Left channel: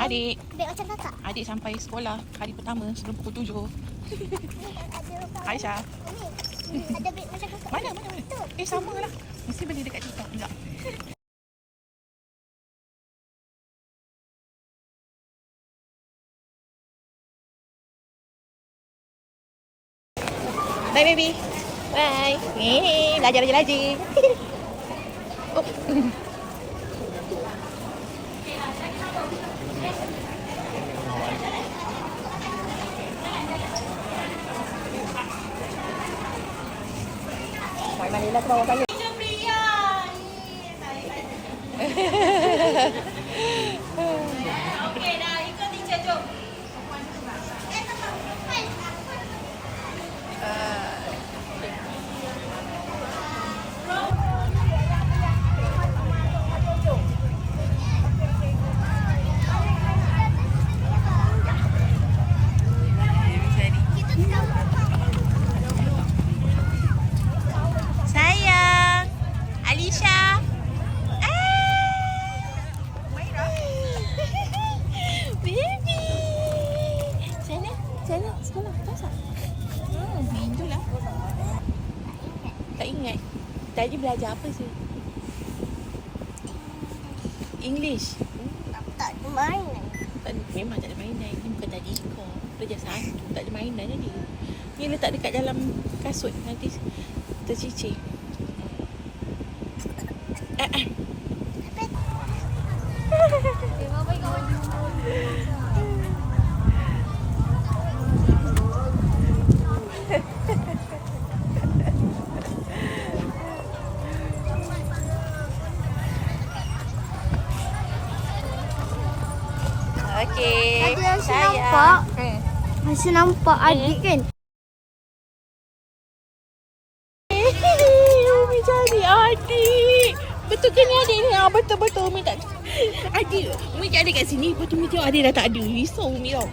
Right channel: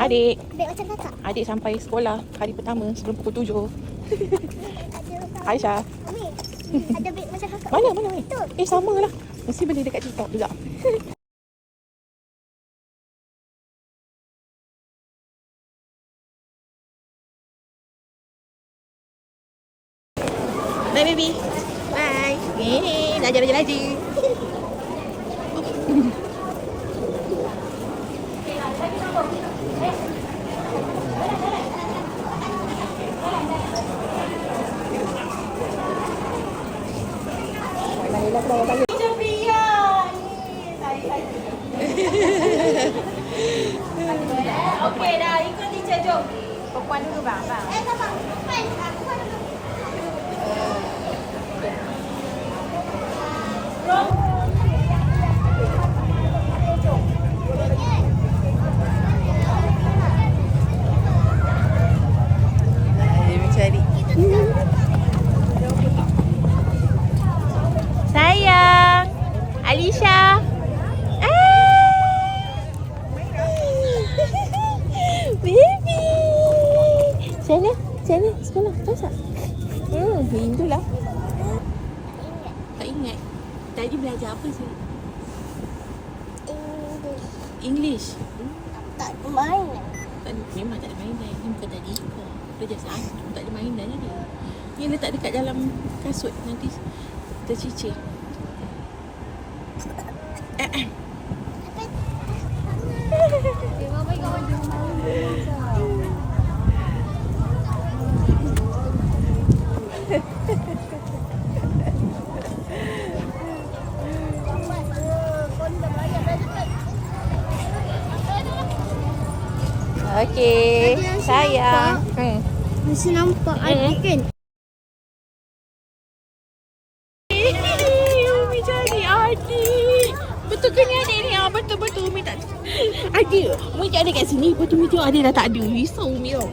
Adik. Beg macam kakak. Adik sampai sekolah hari pertama sebelum pukul 7. Aisyah. Ada beg macam kakak. Mana? Sama lah. Mesti beli dekat TikTok juga. Bye baby. Bye. Belajar lagi. Okay. Manila ke bawah balik. Macam Pria. Okey dah, ikut teacher jom. Perempuan dulu bang. Sayang, Alisha. Baby. Sana sekolah. Pasal. Rindulah. Tak ingat. Tadi belajar apa sih? English. Tak ada mainan. Memang tak ada mainan. Ni bukan tadi kau. Belajar satu. Tak ada mainan tadi. Ni letak dekat dalam kasut. Nanti tercicir. Bapa ikut baju. Okey. Tadi Aisyah nampak adik kan? Umi cari adik. Betul ke ni adik ni? Betul. Umi tak. Adik. Umi cari adik kat sini. Lepas tu Umi tengok adik dah tak ada. Risau Umi tau.